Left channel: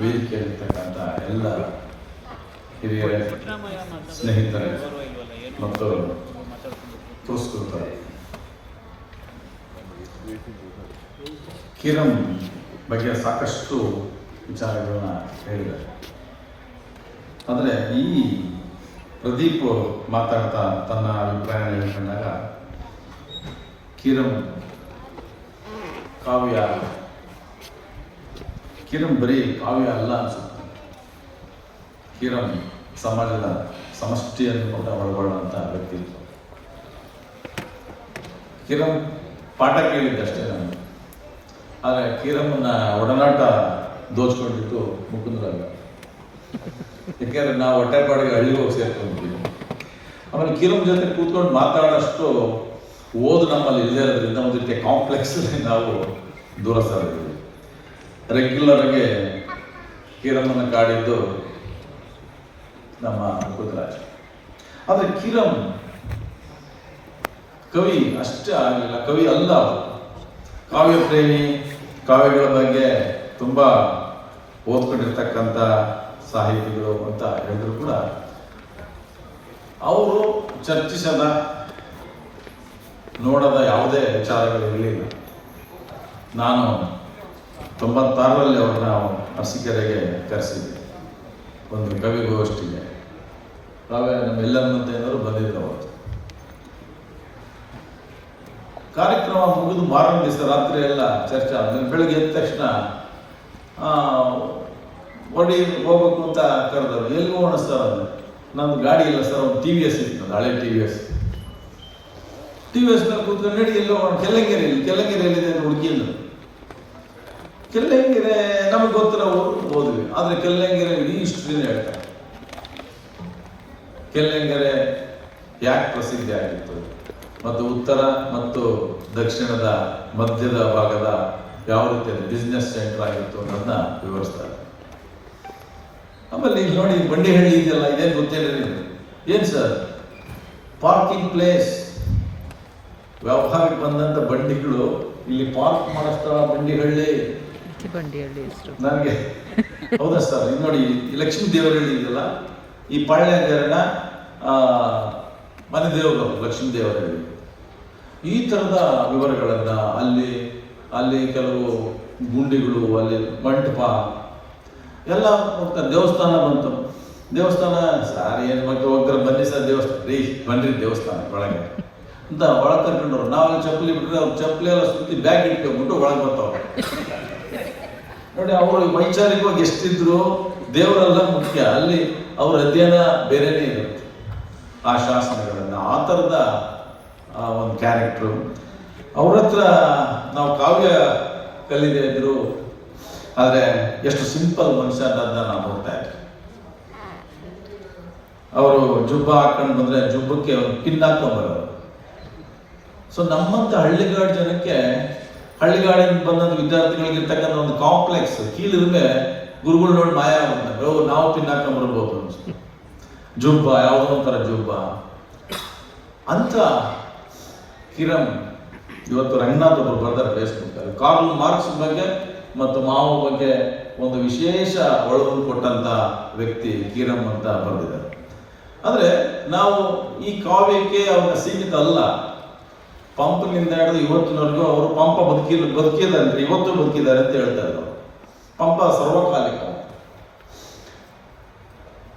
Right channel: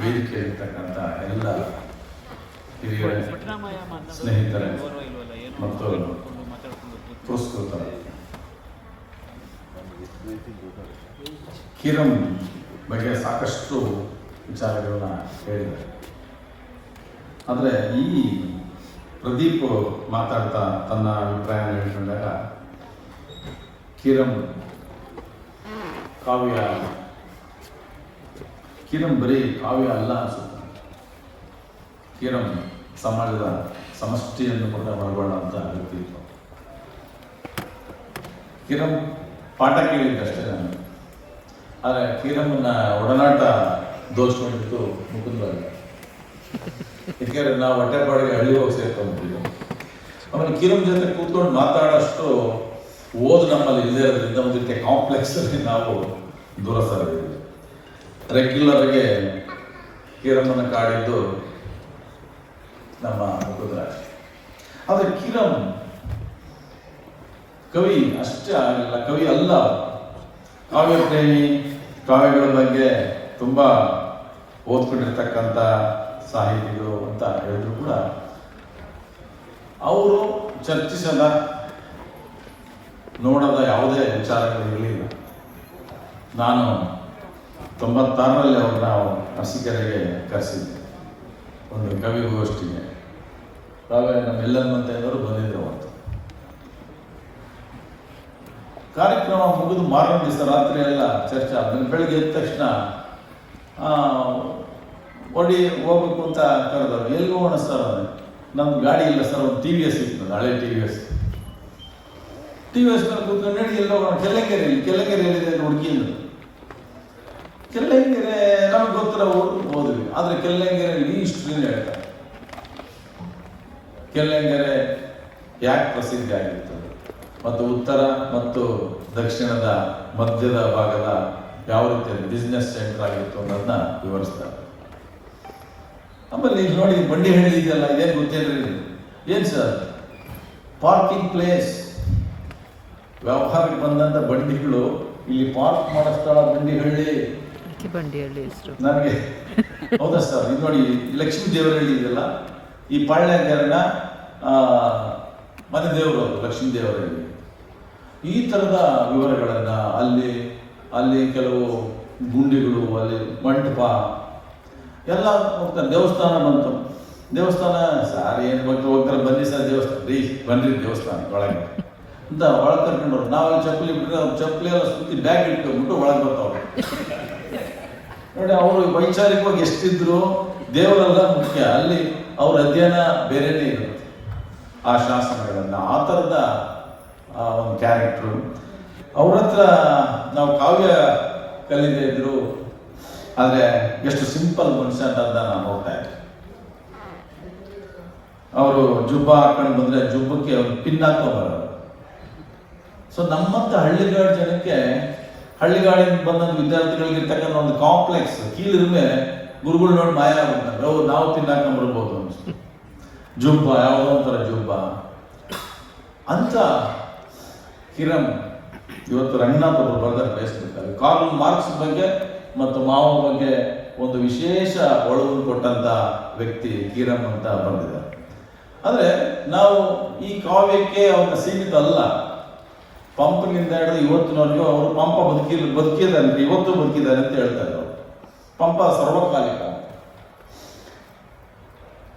ವೇದಿಕೆ ಇರ್ತಕ್ಕಂಥ ಎಲ್ಲ ಹಿರಿಯರ ಸ್ನೇಹಿತರೆ ಮತ್ತು ಪುರಸ್ಕೃತ ಕಿರಂ ಬಗ್ಗೆ ಸಾಕಷ್ಟು ವಿಚಾರಗಳನ್ನ ಹೇಳಿದ್ದಾರೆ. ಆದರೆ ಈ ಪ್ರದೀಪ್ ಮಾತಾಡ್ತಾ ತನ್ನ ಅಭಿಪ್ರಾಯ ಹೇಳ್ಕೊಂಡಾಗ ಕಿರಂ ಕಾವ್ಯ ಕಿರಂ ಬರೀ ಕಾವ್ಯ ಅಲ್ಲ ಅನ್ಸುತ್ತೆ. ಕಿರಂ ಸಮಾಜದ ಸಮಷ್ಟಿಯನ್ನು ಕೂಡ ಒಳಗೊಳ್ಳುವಂಥ ವ್ಯಕ್ತಿತ್ವ ಕಿರಂ ಪಾಠ ಕೇಳಿದ್ದಷ್ಟೇ ನಾನು. ಆದರೆ ಕಿರಮ್ಮನ ಒಡನಾಟ ದೋಷಿದ್ದು ಮುಕುಂದ್ರಾಗ ಯಾಕೆಂದ್ರೆ ನಾವು ಹೊಟ್ಟೆಪಾಡಿಗೆ ಹಳ್ಳಿ ಹೋಗಿ ಸೇರ್ಕೊಂಡಿದ್ದೀವಿ ಆಮೇಲೆ ಕಿರಂ ಜೊತೆ ಕೂತ್ಕೊಂಡು ಮಾತಾಡೋಷ್ಟು ಓದು ನಮ್ಮಲ್ಲಿ ಇಲ್ಲದೇ ಇರೋದ್ರಿಂದ ಒಂದು ಕಾಂಪ್ಲೆಕ್ಸ್ ನಾವು ದೂರ ಸರಿದ್ದೀವಿ. ರೆಗ್ಯುಲರ್ಗೆ ಕಿರಮ್ಮನ ಕಾಡಿದ್ದು ನಮ್ಮ ಮುಕುಂದರಾಜ್ ಆದರೆ ಕಿರಮ್ ಕವಿ ಅಷ್ಟೇ ಆಗಲಿಲ್ಲ ಕವಿ ಅಲ್ಲ. ಕಾವ್ಯ ಪ್ರೇಮಿ, ಕಾವ್ಯಗಳ ಬಗ್ಗೆ ತುಂಬ ಓದ್ಕೊಂಡಿರ್ತಕ್ಕಂಥ ಸಾಹಿತಿಗಳು ಅಂತ ಹೇಳಿದ್ರು ಕೂಡ ಅವರು ಚರ್ಚಿಸದ, ನೋಡದ ಯಾವುದೇ ವಿಚಾರಗಳು ಇರಲಿಲ್ಲ ನಾನು ತೊಂಬತ್ತಾರರಲ್ಲಿ ಅವ್ರನ್ನ ನಾವು ಅರಸಿಕೆರೆಗೆ ಕರೆಸಿದ್ವಿ ಒಂದು ಕವಿಗೋಷ್ಠಿಗೆ. ಕಾವ್ಯ ನಮ್ಮೆಲ್ಲರಂತೆಯವರು ಬಂದಿದ್ದರು ಅವತ್ತು ಕಾರ್ಯಕ್ರಮ ಮುಗಿದು ಮಾರನೇ ದಿವಸ ರಾತ್ರಿ ಎಲ್ಲ ಚರ್ಚೆ ಆದ್ಮೇಲೆ ಬೆಳಗ್ಗೆ ಎದ್ದ ತಕ್ಷಣ ಒಡಿ ಹೋಗ್ಬೇಕು ಅಂತ ಕರೆದವರು, ಎಲ್ಲಿ ಹೋಗೋಣ ಸರ್ ಅಂದ್ರೆ ನಮ್ದು ಗಾಡಿ ಇಲ್ಲ ಸರ್, ಒಂದು ಟಿ ವಿ ಎಸ್ ಇತ್ತು ಹಳೆ T V S. T V S ಮೇಲೆ ಕೂತ್ಕೊಂಡು ನಡಿ, ಎಲ್ಲ ಹೋಗೋಣ? ಕೆಲಂಗೇರಿ ಕೆಲಂಗೇರಿ ಹುಡುಗಿ ಅಂದ್ರು. ಕೆಲ್ಲಂಗೆರೆ ನಮಗೆ ಗೊತ್ತು ನಾವು ಹೋದ್ವಿ ಆದರೆ ಕೆಲ್ಲಂಗೆರೆ ಇಡೀ ಹಿಸ್ಟ್ರಿನ ಹೇಳ್ತಾರೆ. ಕೆಲ್ಲಂಗೆರೆ ಯಾಕೆ ಪ್ರಸಿದ್ಧಿ ಆಗಿತ್ತು ಮತ್ತು ಉತ್ತರ ಮತ್ತು ದಕ್ಷಿಣದ ಮಧ್ಯದ ಭಾಗದ ಯಾವ ರೀತಿಯ ಬಿಸ್ನೆಸ್ ಸೆಂಟರ್ ಆಗಿತ್ತು ಅನ್ನೋದನ್ನ ವಿವರಿಸ್ತಾರೆ. ಆಮೇಲೆ ಇಲ್ಲಿ ನೋಡಿ, ಬಂಡಿಹಳ್ಳಿ ಇದೆಯಲ್ಲ, ಇದೇನು ಗೊತ್ತೇನ್ರಿ ಏನು ಸರ್? ಪಾರ್ಕಿಂಗ್ ಪ್ಲೇಸ್ ವ್ಯಾಪಾರಕ್ಕೆ ಬಂದಂಥ ಬಂಡಿಗಳು ಇಲ್ಲಿ ಪಾರ್ಕ್ ಮಾಡೋ ಸ್ಥಳ ಬಂಡಿಹಳ್ಳಿ. ಬಂಡಿಹಳ್ಳಿ ಹೆಸರು ನನಗೆ, ಹೌದಾ ಸರ್? ಇದು ನೋಡಿ ಲಕ್ಷ್ಮೀ ದೇವರು ಹೇಳಿದ್ರಲ್ಲ, ಈ ಪಾಳ್ಯಗಾರನ ಮನೆ ದೇವರು ಲಕ್ಷ್ಮೀ ದೇವರ ಈ ಥರದ ವಿವರಗಳನ್ನ ಅಲ್ಲಿ ಅಲ್ಲಿ ಕೆಲವು ಗುಂಡಿಗಳು, ಅಲ್ಲಿ ಮಂಟಪ, ಎಲ್ಲ ದೇವಸ್ಥಾನ ಬಂತು. ದೇವಸ್ಥಾನ, ಸರ್, ಏನು ಒಗ್ಗರ ಬನ್ನಿ ಸರ್, ದೇವಸ್ಥಾನ. ರೀ ಬನ್ನಿ ದೇವಸ್ಥಾನ ಒಳಗೆ. ಅಂತ ಒಳಗೆ ಕರ್ಕೊಂಡ್ರು ನಾವು ಚಪ್ಪಲಿ ಬಿಟ್ಟರೆ ಚಪ್ಪಲಿ ಎಲ್ಲ ಸುತ್ತಿ ಬ್ಯಾಗ್ ಇಟ್ಕೊಂಡ್ಬಿಟ್ಟು ಒಳಗೆ ಬರ್ತಾವ್ರೆ ನೋಡಿ, ಅವರು ವೈಚಾರಿಕವಾಗಿ ಎಷ್ಟಿದ್ರು ದೇವರೆಲ್ಲ ಮುಖ್ಯ. ಅಲ್ಲಿ ಅವ್ರ ಅಧ್ಯಯನ ಬೇರೆನೇ ಇರುತ್ತೆ. ಆ ಶಾಸನಗಳನ್ನು, ಆ ಥರದ ಒಂದು ಕ್ಯಾರೆಕ್ಟ್ರು ಅವ್ರ ಹತ್ರ ನಾವು ಕಾವ್ಯ ಕಲಿದೆ ಇದ್ರು, ಆದರೆ ಎಷ್ಟು ಸಿಂಪಲ್ ಮನುಷ್ಯ ಅಂತ ನಾವು ನೋಡ್ತಾ ಇದ್ವಿ. ಅವರು ಜುಬ್ಬ ಹಾಕೊಂಡು ಬಂದ್ರೆ ಜುಬ್ಬಕ್ಕೆ ಒಂದು ಪಿನ್ ಹಾಕೊಂಬರೋರು ಸೊ ನಮ್ಮಂತ ಹಳ್ಳಿಗಾಡು ಜನಕ್ಕೆ ಹಳ್ಳಿಗಾಡಿಂದ ಬಂದಂತ ವಿದ್ಯಾರ್ಥಿಗಳಿಗೆ ಇರ್ತಕ್ಕಂಥ ಒಂದು ಕಾಂಪ್ಲೆಕ್ಸ್ ಕೀಳಿದ್ಮೇಲೆ ಗುರುಗಳು ನೋಡಿ ಮಾಯ ಆಗ್ಬಿಡ್ತಾರೆ. ನಾವು ಬರ್ಬೋದು ಅನಿಸ್ತು ಜುಬ್ಬ, ಯಾವುದೋ ಒಂಥರ ಜುಬ್ಬ. ಅಂತ ಕಿರಣ್ ಇವತ್ತು ರಂಗನಾಥ್ ಒಬ್ಬರು ಬರ್ತಾರೆ ಫೇಸ್ಬುಕ್ ಕಾರ್ಲ್ ಮಾರ್ಕ್ಸ್ ಬಗ್ಗೆ ಮತ್ತು ಮಾವ ಬಗ್ಗೆ ಒಂದು ವಿಶೇಷ ಒಳವು ಕೊಟ್ಟಂತ ವ್ಯಕ್ತಿ ಕಿರಮ್ ಅಂತ ಬರೆದಿದ್ದಾರೆ. ಆದರೆ ನಾವು ಈ ಕಾವ್ಯಕ್ಕೆ ಅವನ ಸೀಮಿತ ಅಲ್ಲ. ಪಂಪ್ನಿಂದ ಹಿಡಿದು ಇವತ್ತಿನವರೆಗೂ ಅವರು ಪಂಪ ಬದುಕಿ ಬದುಕಿದ್ದಾರೆ ಅಂತ ಇವತ್ತು ಬದುಕಿದ್ದಾರೆ ಅಂತ ಹೇಳ್ತಾರೆ ಪಂಪ ಸರ್ವಕಾಲಿಕ.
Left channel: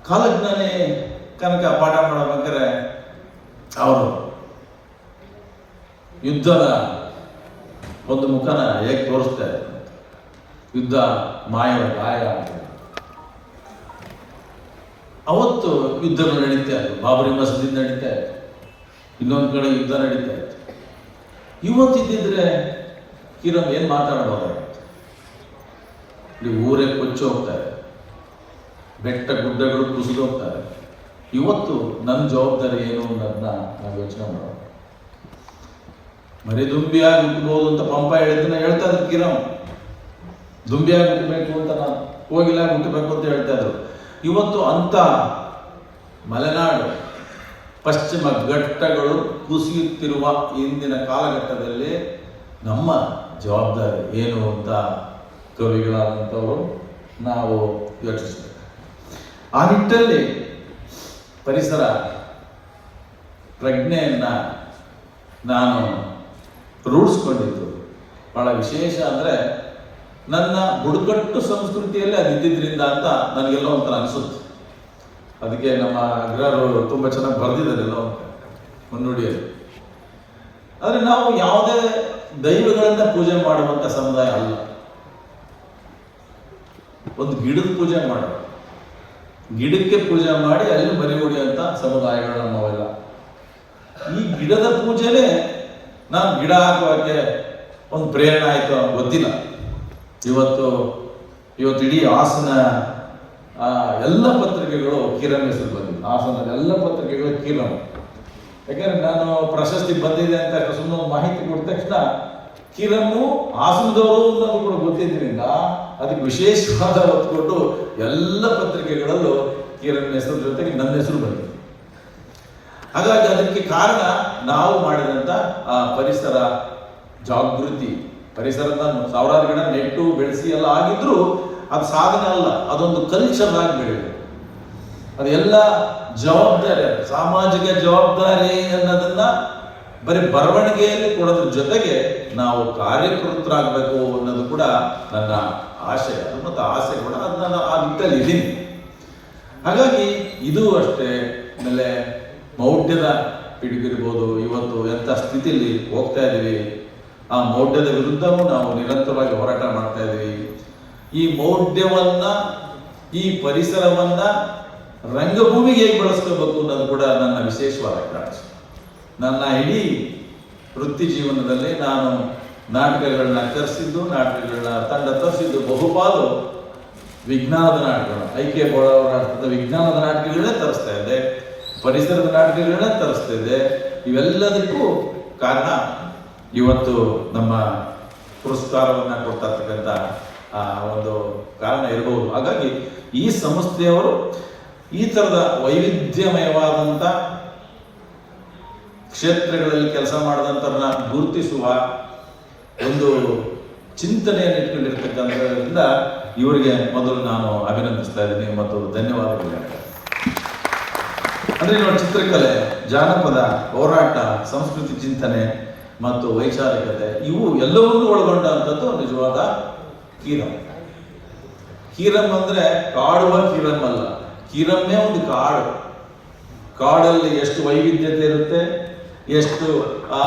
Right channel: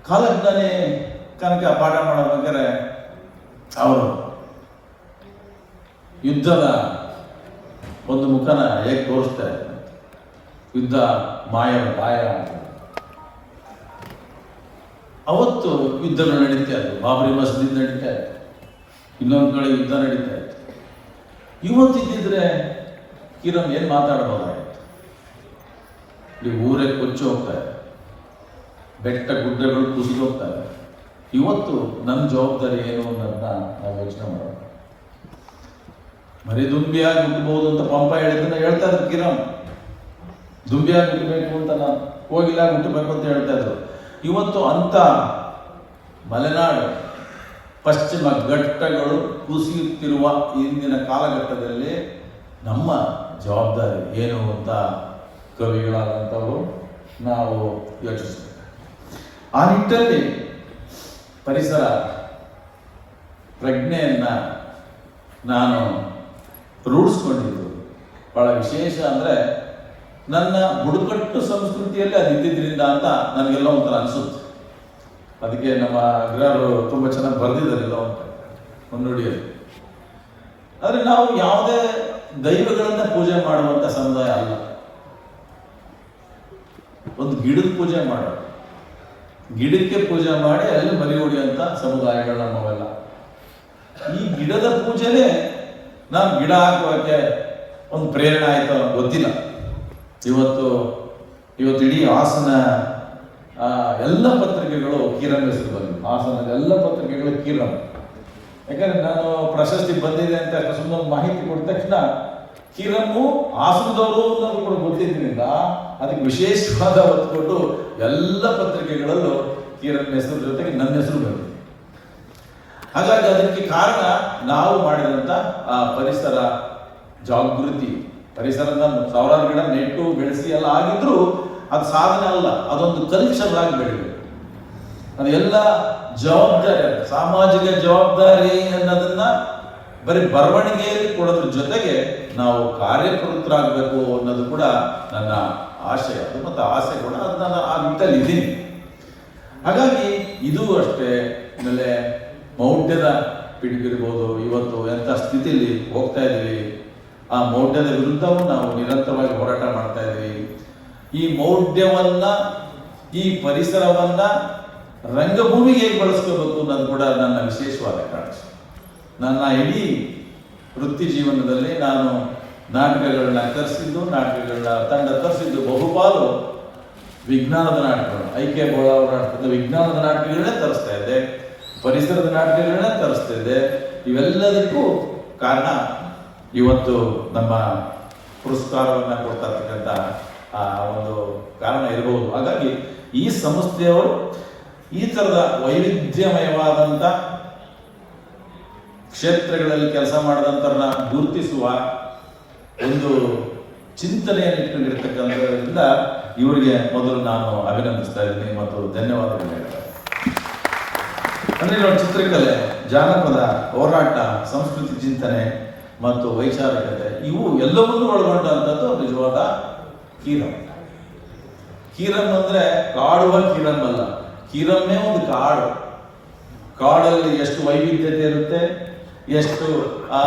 ಕಾಲಜ್ಞಾನಿ ಕನಕ ಪಾಠ ಮಾಡಬೇಕಾದ್ರೆ ಅವರು ಯುದ್ಧದ ಒಂದು ಮುಖನ ಹೇಗೆ ತೋರಿಸ್ತಾರೆ? ಯುದ್ಧ ಮಾಯ ಮಾಯ. ಅವತ್ತು ಯುದ್ಧಗಳು ನಡೀತಾ ಇದೆ ಬಾಬರಿ ಮಸೀದಿ ನಡೀತಾ ಇತ್ತು. ಇನ್ನೊಂದು ಕಡೆ ಯುದ್ಧ ನಡೀತಾ ಇತ್ತು. ಇವತ್ತಿದ್ದಿದ್ರೆ ಕಿರಮ್ ಏನು ಮಾತಾಡಬಹುದಾಗಿತ್ತು ಇಲ್ಲಿ ಊರೇ ಕೊಚ್ಚಿ ಹೋಗ್ತಾರೆ. ಬೆಟ್ಟ ಗುಡ್ಡಗಳು ಕುಸಿದು ಹೋಗ್ತಾರೆ. ಇವತ್ತು ನನ್ನ ಜವಾಬ್ದಾರಿ ಏನು ಅನ್ನೋದನ್ನ ನಾವು ಯೋಚನೆ ಮಾಡೋಣ. ಮರಿ ದುಂಬಿಯಾಗಿ ಹುಟ್ಟಬಹುದು ಅಂತ ಪಂಪ ಹೇಳಿದ್ರೆ ಹೇಳ್ತಾ ಇದ್ರು ಕಿರಮ್ ದುಂಬಿಯಾಗಿ ಹುಟ್ಟಬೇಕು ಅಂತ ನಾನು ಕೋಗಿಲಾಗಿ ಹುಟ್ಟಬೇಕು ಅಂತ ಹೇಳ್ತಾ ಇದ್ರು. ಇವತ್ತು ಅಂತ ಮಲೆನಾಡು ಪಶ್ಚಿಮ ಘಟ್ಟಗಳು ಕುಸಿಯುತ್ತಿರುವ ಇಂದಿನ ಕಾಲಘಟ್ಟದಲ್ಲಿ ನಮ್ಮ ಜವಾಬ್ದಾರಿ ಏನು ಅಂತ ಕವಿಗಳಾದಂಥವರು ನಾವು ಯೋಚಿಸಬೇಕು ಆ ನಿಟ್ಟಲ್ಲಿ ಪರಿಸರ ಪ್ರಜ್ಞೆಯನ್ನು ನಾನು ರೂಢಿಸ್ಕೊಂಡಿದ್ದು. ಬಹಳ ವಿಶೇಷ ಅಂದರೆ ನನ್ನ ಬುಡಕಟ್ಟು ಸಂಸ್ಕೃತಿಯಲ್ಲಿ ಅದು ಇದ್ದಿದ್ದರಿಂದ ಅಂತ ನನಗೆಲ್ಲ ಒಂಥರ ಅನಿಸುತ್ತೆ. ಅದಕ್ಕೆ ನಮ್ಮ ಅಗ್ರರು ತುಂಬ ಚೆನ್ನಾಗಿ ಬರೆದಿದ್ದಾರೆ ಎಲ್ಲ. ಮುನ್ನುಡಿಯಲ್ಲಿ. ಆದರೆ ನಾವು ಯಾವುದೇ ದೈವಗಳನ್ನು ಪೂಜೆ ಮಾಡುವಂಥ ಸಮುದಾಯ ಅಲ್ಲ. ಒಂದು ಗಿಡದ ಪೂಜೆ ಮಾಡ ಗಿಡಕ್ಕೆ ಪೂಜೆ ಮಾಡಿ ಅಲ್ಲಿ ಮರಿ ಅಂತ ಸಮುದಾಯಗಳು ನಮ್ಮವೆಲ್ಲ. ಈ ಗಿಡದ ಪೂಜೆನೇ ನಾನು ಗಿಡ ಹಾಕುವಕ್ಕೆ ಒಂದು ಪ್ರೇರಣೆ ಆಯಿತು ಗೊತ್ತಿಲ್ಲ. ಇವತ್ತು ಇವತ್ತು ಇಡೀ ಹಾಸನ ಎಲ್ಲ ಪತ್ರಿಕೆಗಳು ಕಿರಣ್ ಹೆಸರು ಬಂದಿದೆ. ಹಾಸನದ ಎಲ್ಲ ಪತ್ರಿಕೆಗಳು ಕಿರಣ್. ಯಾಕಂದ್ರೆ ನಾನು ಪ್ರಶಸ್ತಿ ಬಂದಿದೆ ಅಂತ ಸುಮ್ಮನೆ ಮಾಹಿತಿ ಕೊಟ್ಟ ತಕ್ಷಣ ಕಿರನ್ನು ಹಾಸನದವರು ಅನ್ನೋದು ಕೂಡ ಗೊತ್ತಿದ್ದರಿಂದ ಅದಕ್ಕೆ ವಿಶೇಷವಾದ ಒತ್ತು ಕೊಟ್ಟು ಎಲ್ಲ ಪತ್ರಿಕೆಗಳಲ್ಲೂ ಕಿರಣ್ ಹೆಸರು ಜೊತೆಗೆ ನನ್ನ ಹೆಸರು ಬಂದಿದೆ. ಹಾಗಾಗಿ ಅದಕ್ಕೆ ಕಾರಣ ನಾವು ಮಾಡಿದಂಥ ಆ, ಪರಿಸರ ಜಾಗೃತಿ. ಪರಿಸರದ ಸಾವಿರಾರು ಗಿಡ ನೆಟ್ಟು, ಬೆಳೆಸಿ ಎಲ್ಲ ಆಗಿದ್ರು ಅದು ಸಾಧನೆ ಅಲ್ಲ, ಅದೊಂದು ಕಲ್ಚರ್ ಆಗಿ ಅದು ಅದೆಲ್ಲ ಜವಾಬ್ದಾರಿ ಸಾಮಾಜಿಕ ಜವಾಬ್ದಾರಿ ಅನ್ನೋದನ್ನ ಬರೀ ಬರವಣಿಗೆಯಲ್ಲಿ ಕೊಡೋದ್ರ ಜೊತೆಗೆ ನಾವು ಕಾರ್ಯಕರ್ತರಾಗಬೇಕು ಅನ್ನೋದು ಕೂಡ ನನ್ನ ಆಶಯ ಮತ್ತು ಆಸೆ ಕೂಡ ಅದನ್ನ ನಾನು ಆ ಇದ್ದೀನಿ. ಹಾಗಾಗಿ ಇದು ಅಷ್ಟೇ, ಆಮೇಲೆ ಮೌಢ್ಯದ ಪಿಡುಗಿರ್ಬೋದು, ಇವತ್ತು ಎಂಥ ಸ್ಥಿತಿಯಲ್ಲಿ ಹೋಗ್ತಾ ಇದ್ದೀವಿ, ಆ ಮೌಢ್ಯದ ವಿರುದ್ಧವೂ ನಾವು ನಿರಂತರವಾಗಿ ಹೋರಾಟ ಮಾಡ್ತಾ ಇದ್ದೀವಿ. ಈ ಮೌಢ್ಯವನ್ನ, ಈ ಪರಿಸರವನ್ನ ರಂಗಭೂಮಿಗೆ ಹೇಗೆ ಬಳಸ್ಕೋಬೇಕು ಅನ್ನೋದು ಕೂಡ ನನ್ನ ವಿಶೇಷವಾದ ಕಾಳಜಿ. ನನ್ನ ಇಡೀ ವೃತ್ತಿ ಜೀವನದಲ್ಲಿ ನಾನು ನಾಟಕಗಳನ್ನ ತರಿಸಿದ್ದು ನಾಟಕಗಳನ್ನ ತಂಡ ತರಿಸಿದ್ದು ಬಹುಪಾಲು ವಿಜ್ಞಾನದ ನಾಟಕಗಳು. ಬೋಳ ನಾಟಕದ ವಿಜ್ಞಾನದ ನಾಟಕಗಳನ್ನೇ ತರಿಸ್ತಾ ಇದೆ ಪರಿಸರದ ನಾಟಕಗಳನ್ನೇ ತರಿಸ್ತಾ ಇದೆ ಇವೆಲ್ಲದಕ್ಕೂ ಕಾರಣ ಇವತ್ತು ನಮ್ಮ ಪುರಸ್ಕಾರವನ್ನು ಕೊಡ್ತಾ ಇರ್ತಕ್ಕಂಥ ಒಂದು ಕಾರಣ ಇರಬಹುದು ಹಾಗಾಗಿ ಈ ಸಂಸ್ಥೆಯವರು ಈ ಥರದ ವೈವಿಧ್ಯಮಯವಾದಂಥ ಕ್ಷೇತ್ರಗಳಲ್ಲಿ ಕೆಲಸ ಮಾಡಿದಂಥವ್ರನ್ನ ಗುರುತಿಸುವ ಒಂದು ಚಿಂತನೆಯನ್ನು ಇಟ್ಕೊಂಡಿರ್ತಕ್ಕಂಥದ್ರಿಂದ ಇವರಿಗೆ ಮೊದಲು ನಾನು ಅಭಿನಂದಿಸ್ತಾ ಇದ್ದೀನಿ ಮತ್ತು ಧನ್ಯವಾದಗಳು. ಅಂದ್ರೆ ನೋಡಿ, ಚಿತ್ರಕಲೆ, ಜಾನಪದ, ಹೋರಾಟ, ಸಂಸ್ಕೃತಿ ಚಿಂತನೆ ಮತ್ತು ವೈಚಾರಿಕತೆ, ಇವು ಎಲ್ಲವನ್ನೂ ಒಳಗೊಂಡಂಥದ್ದು ನಿಜವಾದ ಕೀರಂ ಕೀರಂ ಅಂದ್ರೆ ಕಾಡುವ ಕೀರಂ ಅಲ್ಲ. ಕೀರಮ್ಮೇ ಒಂದು ಕಾಡು. ಕಾಡಲ್ಲಿ ಎಷ್ಟು ವೈವಿಧ್ಯತೆ ಇರುತ್ತೆ, ಎಷ್ಟು, ಆ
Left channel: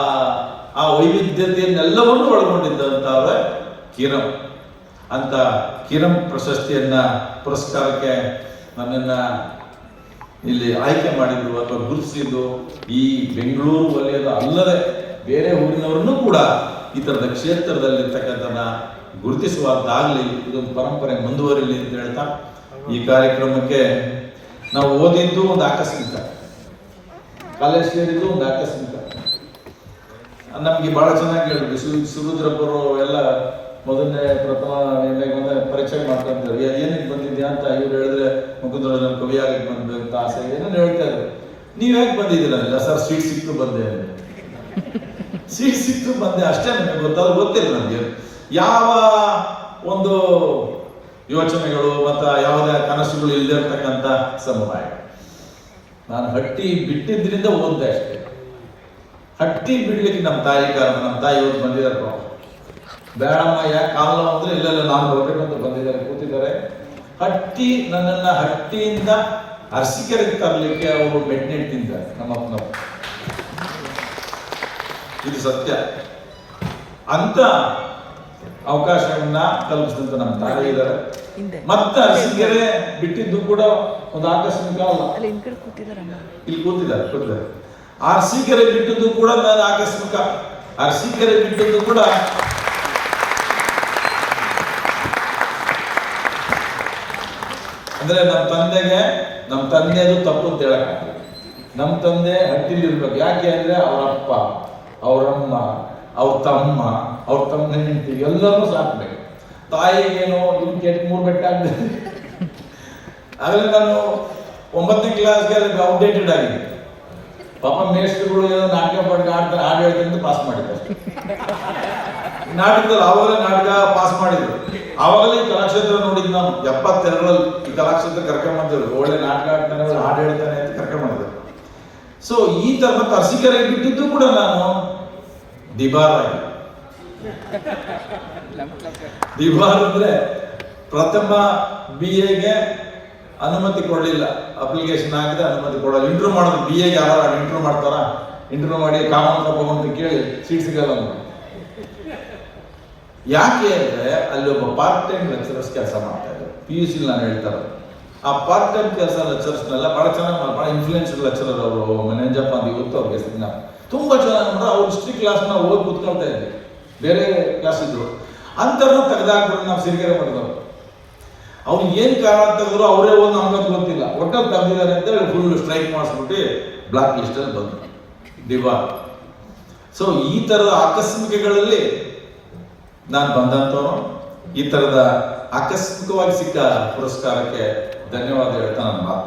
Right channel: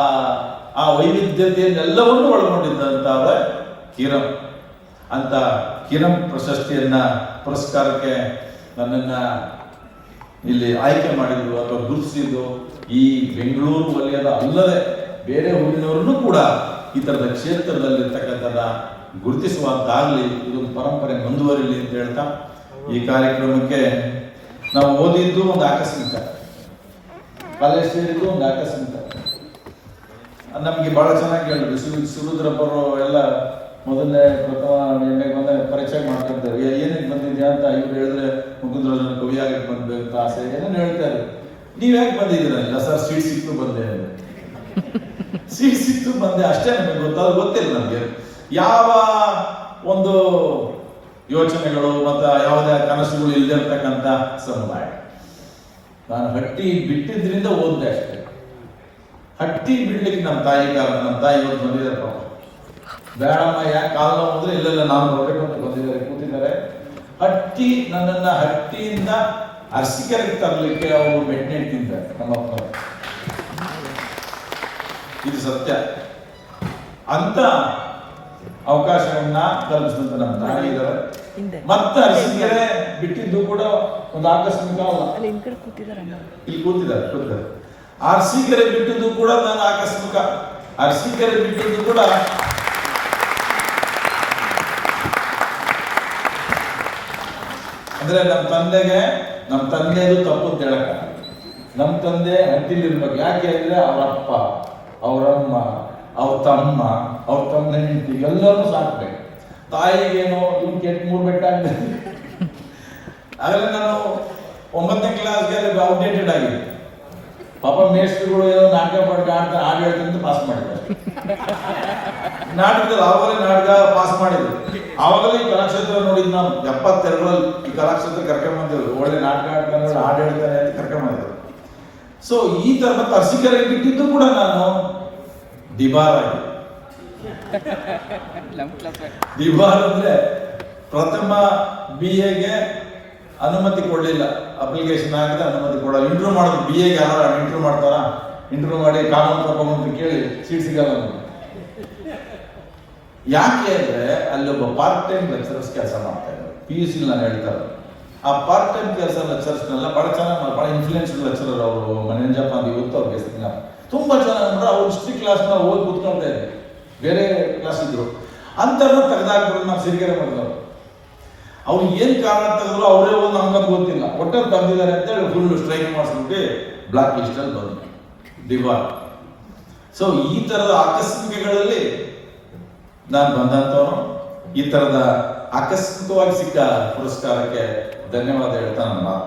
ಆ ವೈವಿಧ್ಯತೆಯನ್ನೆಲ್ಲವನ್ನು ಒಳಗೊಂಡಿದ್ದಂತಾದ ಕಿರಂ ಅಂತ ಕಿರಂ ಪ್ರಶಸ್ತಿಯನ್ನ ಪುರಸ್ಕಾರಕ್ಕೆ ನನ್ನನ್ನ ಇಲ್ಲಿ ಆಯ್ಕೆ ಮಾಡಿದ್ರು ಅಥವಾ ಗುರುತಿಸಿದ್ದು ಈ ಬೆಂಗಳೂರು ವಲಯದ ಅಲ್ಲದೆ ಬೇರೆ ಊರಿನವರನ್ನು ಕೂಡ ಈ ಥರದ ಕ್ಷೇತ್ರದಲ್ಲಿರ್ತಕ್ಕಂಥನ್ನ ಗುರುತಿಸುವಂತಾಗಲಿ ಇದೊಂದು ಪರಂಪರೆ ಮುಂದುವರಿಲಿ ಅಂತ ಹೇಳ್ತಾ ಈ ಕಾರ್ಯಕ್ರಮಕ್ಕೆ ನಾವು ಓದಿದ್ದು ಒಂದು ಆಕಸ್ಮಿಕ. ಕಾಲೇಜ್ ಸೇರಿದ್ದು ಒಂದು ಆಕಸ್ಮಿಕ. ನಮಗೆ ಬಹಳ ಚೆನ್ನಾಗಿ ಹೇಳಿದ್ರು. ಸುರುದ್ರಪ್ಪರು ಎಲ್ಲ ಮೊದಲನೇ ಪ್ರಥಮ ಪರೀಕ್ಷೆ ಮಾಡ್ಕೊಂತಾರೆ ಏನಕ್ಕೆ ಬಂದಿದ್ಯಾ? ಅಂತ ಇವ್ರು ಹೇಳಿದ್ರೆ ಮುಗುದ್ರೋಜನ ಕವಿಯಾಗಿ ಬಂದ್ಬೇಕು ಅಂತ ಆಸೆ ಏನೇನು ಹೇಳ್ತಾರೆ ನೀವ್ ಯಾಕೆ ಬಂದಿದ್ದೀರ? ಇಲ್ಲ, ಸರ್, ಸೀಟ್ ಸಿಕ್ತು ಬಂದೆ. ಸೀಟ್ ಸಿಕ್ತು ಬಂದೆ, ಅಷ್ಟೇ ನಮಗೆ ಗೊತ್ತಾದ ಗೊತ್ತಿಲ್ಲ ನನಗೆ ಯಾವ ಒಂದು ಯೋಚನೆಗಳು ಮತ್ತು ಯಾವುದೇ ಕನಸುಗಳು ಇಲ್ಲದೆ ಇರ್ತಕ್ಕಂಥ ಸಮುದಾಯ? ನಾನು ಹಟ್ಟಿ ಬಿಟ್ಟಿದ್ರಿಂದ ಓದ್ದೆ ಅಷ್ಟೇ. ಹಟ್ಟಿ ಬಿಡ್ಲಿಕ್ಕೆ ನಮ್ಮ ತಾಯಿ ಕಾರಣ, ನಮ್ಮ ತಾಯಿ ಇವತ್ತು ಬಂದಿದ್ದಾರೆ. ಬೇಡಮ್ಮ, ಯಾಕೆ ಕಾಲ ಅಂದ್ರೆ ಇಲ್ಲೆಲ್ಲ ನಾನು ಬರಬೇಕಂತ ಬಂದಿದ್ದಾರೆ, ಕೂತಿದ್ದಾರೆ. ಹಟ್ಟಿ ನನ್ನನ್ನ ಹಟ್ಟಿಯಿಂದ ಅರಸಿಕೆರೆಗೆ ತರಲಿಕ್ಕೆ ಅವರು ಮೆಟ್ನೆಟ್ಟಿದ್ದಾರೆ ನಮ್ಮ ನಮ್ಮಪ್ಪ ಇದು ಸತ್ಯ. ಅಂತ ಅವಕಾಶವನ್ನ ಕಲ್ಪಿಸಿದಂತ ನಮ್ಮ ತಾಯಿ ಇದ್ದಾರೆ. ಮತ್ತ ಅರಸಿಕೆರೆ ಬಿಟ್ಟಿದ್ದು ಕೂಡ ಒಂದು ಆಕಸ್ಮಿಕ ಇಲ್ಲಿ ಕೂತಿದ್ದಾರೆ ಕೂತಿದ್ದಾರೆ. ಅರಸೀಕೆರೆ ಬಿಟ್ಟಿದ್ದು ಕೂಡ ನಾನು ಆಕಸ್ಮಿಕ. ಅರಸೀಕೆರೆ ಬಿಟ್ಟಿದ್ದು ಕೂಡ ಅಂದ್ರೆ ನಮ್ಮ ತಂದೆಗೆ ನಮ್ಮ ತಂದೆದು ತಪ್ಪು ಅಂತ ಹೇಳಕ್ಕ ನಮ್ಮ ತಂದೆ ಹಟ್ಟಿಲಿ ಇರ್ಬೇಕು ಯಾಕೆ ಅಂದ್ರೆ ಅವರಪ್ಪ ಅವರಮ್ಮ ಅವ್ರ ತಮ್ಮ ಅವ್ರ ತಮ್ಮ ಹೆಂಡತಿ ಎಲ್ಲರೂ ಸಾಕ್ಬೇಕು. ತಾಯಿಗೇನು ಇವ್ನು ಎಂಟು ಮೂರು ಬೆಟ್ಟ ಆಗ್ತದೆ ಆದ್ರೆ ನಾನು ಒಂಬತ್ತನೇ ಕ್ಲಾಸ್ಗೆ ಅಪ್ಡೇಟೆಡ್ ಆಗಿದೆ. ಪಾಪ ಮೇಷ್ಟ್ರುಗಳು ಎಲ್ಲ ನಾಟಕ ಪಾಠ ಆಡ್ತಾರೆ, ಹಾಡು ಹೇಳ್ತಾರೆ ಪಾಸ್ ಮಾಡಿದ್ದಾರೆ ನಾಟಕದಲ್ಲಿ ಅವರೇ ನಾಟಕ ಪಾಸ್ ಮಾಡಿದ್ರು. ಆವಾಗಲೇ ಈ ಕಲಾಕ್ಷೇತ್ರ ನೋಡಿದ್ದು ನಾನು. ಎಪ್ಪತ್ತೆರಡರಲ್ಲಿ ಈ ಕಲಾಕ್ಷೇತ್ರ ಕರ್ಕೊಂಬಂದಿದ್ರು ಒಳ್ಳೆ ನಾಟಕ ಆಡ್ತಾನೆ, ಹಾಡು ಹೇಳ್ತಾನೆ ಅಂತ ಕರ್ಕೊಂಬಂದಿದ್ರು ಸೊ ಈ ತರ ಮತ್ತೆ ಅರಸಿಕೆರೆ ಬಿಟ್ಟಿದ್ದು ಕೂಡ ನಾನು ದಿಬಾರಾಗಿ ದಿಬಾರ್ ಅಂದ್ರೆ ಪ್ರಥಮ ಬಿ ಎಗೆ ಅನುಮತಿ ಕೊಡಲಿಲ್ಲ. ಅಪ್ಲಿಕೇಶನ್ ಹಾಕಿದ್ರೆ ಅನುಮತಿ ಕೊಡಲ್ಲ. ಇಂಟರ್ವ್ಯೂ ಮಾಡೋದು ಬಿ ಎಗೆ ಯಾರು ಇಂಟರ್ವ್ಯೂ ಮಾಡ್ತಾರ? ಇಂಟರ್ವ್ಯೂ ಮಾಡಿ ಕಾನೂನು ತಗೊಂಡು ಕೇಳಿ ಸೀಟ್ ಸಿಗಲ್ಲ. ಯಾಕೆ ಅಂದ್ರೆ ಅಲ್ಲಿ ಒಬ್ಬ ಪಾರ್ಟ್ ಟೈಮ್ ಲೆಕ್ಚರರ್ಸ್ ಕೆಲಸ ಮಾಡ್ತಾ ಇದ್ದಾರೆ. ಪಿ ಯು ಸಿ ನಾನು ಹೇಳ್ತಾ ಇರೋದು. ಆ ಪಾರ್ಟ್ ಟೈಮ್ ಕೆಲಸ ಲೆಕ್ಚರ್ಸ್ನೆಲ್ಲ ಬಹಳ ಚೆನ್ನಾಗಿ ಬಹಳ ಇನ್ಫ್ಲೂಯೆನ್ಸ್ ಲೆಕ್ಚರರ್ ಅವರು. ಮನೆಂಜಪ್ಪ ಅಂತ ಇವತ್ತು ಅವ್ರಿಗೆ ತುಂಬಾ ಚೆನ್ನಾಗಿ ಅಂದ್ರೆ ಅವ್ರು ಹಿಸ್ಟ್ರಿ ಕ್ಲಾಸ್ನ ಓದಿ ಕೂತ್ಕೊಳ್ತಾ ಇದ್ದೆ ಬೇರೆ ಕ್ಲಾಸ್ ಇದ್ರು. ಅಂಥವ್ರನ್ನ ತೆಗೆದಾಕ್ಬಿಟ್ಟು ನಾವು ಸಿರಿಗೆರೆ ಮಾಡಿದವರು. ಅವ್ರು ಏನ್ ಕಾರಣ ತೆಗೆದ್ರು ಅವರೇ ಒಂದು ಅಮ್ಮಕ್ಕೆ ಗೊತ್ತಿಲ್ಲ. ಒಟ್ಟಾಗಿ ತೆಗೆದಿದ್ದಾರೆ ಅಂತ ಹೇಳಿ ಫುಲ್ ಸ್ಟ್ರೈಕ್ ಮಾಡಿಸ್ಬಿಟ್ಟು ಬ್ಲಾಕ್ ಲಿಸ್ಟಲ್ಲಿ ಬಂದ್ರು. ದಿವಾರ್ ಸೊ ಈ ತರದ ಆಕಸ್ಮಿಕಗಳಲ್ಲಿ ನಾನು ಬಂದಂತವನು, ಈ ತರದ ಆಕಸ್ಮಿಕವಾಗಿ ಸಿಕ್ಕ ಪುರಸ್ಕಾರಕ್ಕೆ ಧನ್ಯವಾದ ಹೇಳ್ತಾ ನಾನು ಮಾತು